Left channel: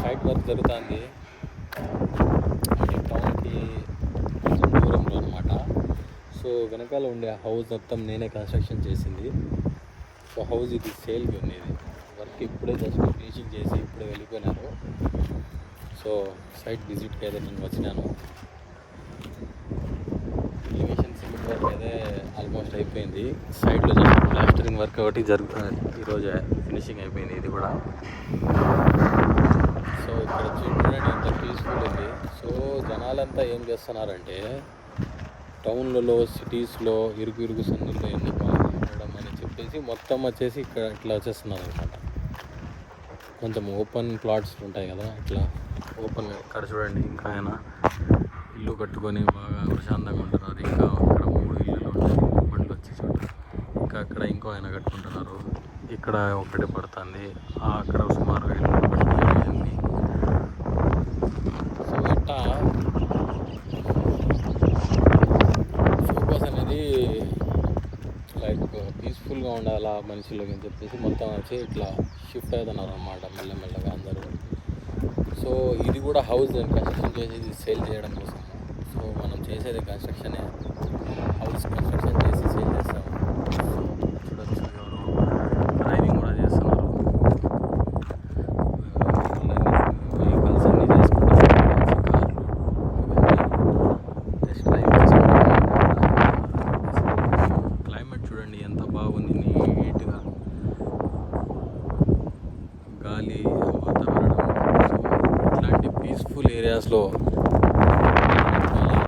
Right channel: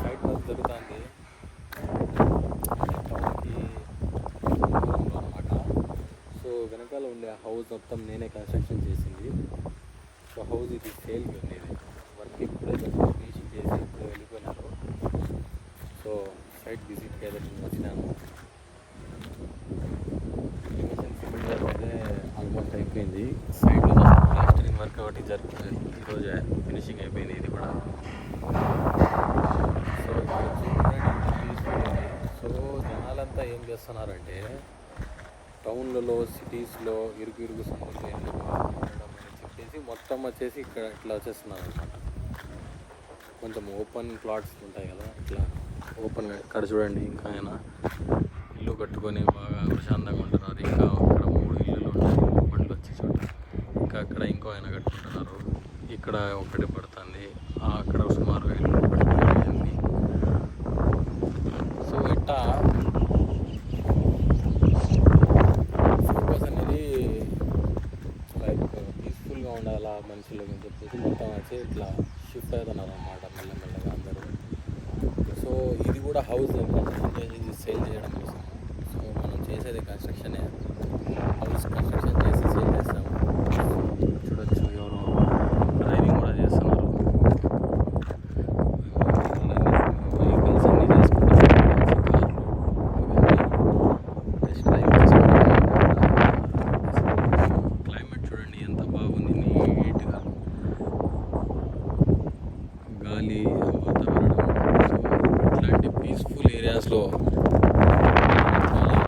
Site work జరుగుతుంది. అంటే టౌన్కి కొంచెం దూరంలో అనమాట. సో వెనకాల ఉండే హౌస్ మొత్తం నేనే కన్స్ట్రక్షన్ చేసింది. సో హౌస్ ఇది సేల్కి ఉంది. ఇది వర్క్ ఇప్పుడే జస్ట్ ఫినిషింగ్ చేసి ఇప్పుడే వెళ్ళిపోయినారు. సో సైట్ విజిట్కి అయితే నేను వచ్చినాను. ఎలివేషన్ సిమెంట్ వర్క్ అయితే ఆల్మోస్ట్ అయిపోయింది. సైడ్లో జస్ట్ ప్లాస్టరింగ్ వర్క్ ఒకటి జరుగుతుంది. ఈరోజు ఫినిషింగ్ అయిపోయింది ఇది కూడా. సో ఇక్కడ చూడండి ఎంత పీస్ఫుల్ ఉంది. సో జనాలంతా ఏం చేస్తున్నారంటే టౌన్లలో సిటీస్లో ఇరుగు సందుల్లో ఎందుకు ఉండడం అని చెప్పేసి మొత్తం వచ్చేసి ఇక్కడ ఇట్లా వచ్చేస్తున్నారు అనమాట. కొంచెం ఓపెన్ ప్లాట్స్ ఉంటాయి కదా, ఇట్లా ఓపెన్. ఇక్కడ చూడండి ఇంకా ఆయన ఇల్లు కట్టుకొని బాగా ప్రశాంతంగా ఉంటున్నారు. ఇంకా అక్కడ 3 ఇల్లులు ఉంటాయి బండ్లు వచ్చి చోట. ఇంకా అక్కడ ఇంకో ఆయన కట్టుకుంటున్నారు. ఇక్కడ ఒకటి పడుతుంది, అక్కడ సుమారు ఇల్లు కట్టుకుంటుంది. సో ఇట్లా ఫోకస్ అనేది లైక్ పీస్ఫుల్గా ఉండాలా మనుషులకి అని చెప్పేసి మొత్తం వచ్చి ఇట్లా షిఫ్ట్ అవుతున్నారు అన్నమాట మెల్లమెల్లగా అందరూ. సో ఇది కూడా హౌస్ కన్స్ట్రక్షన్ చేసి సేల్ చేయడం కోసం. సో మనం చేసేది కన్స్ట్రక్షనే, హౌస్ కన్స్ట్రక్షన్ చేసి సేల్ చేస్తాము.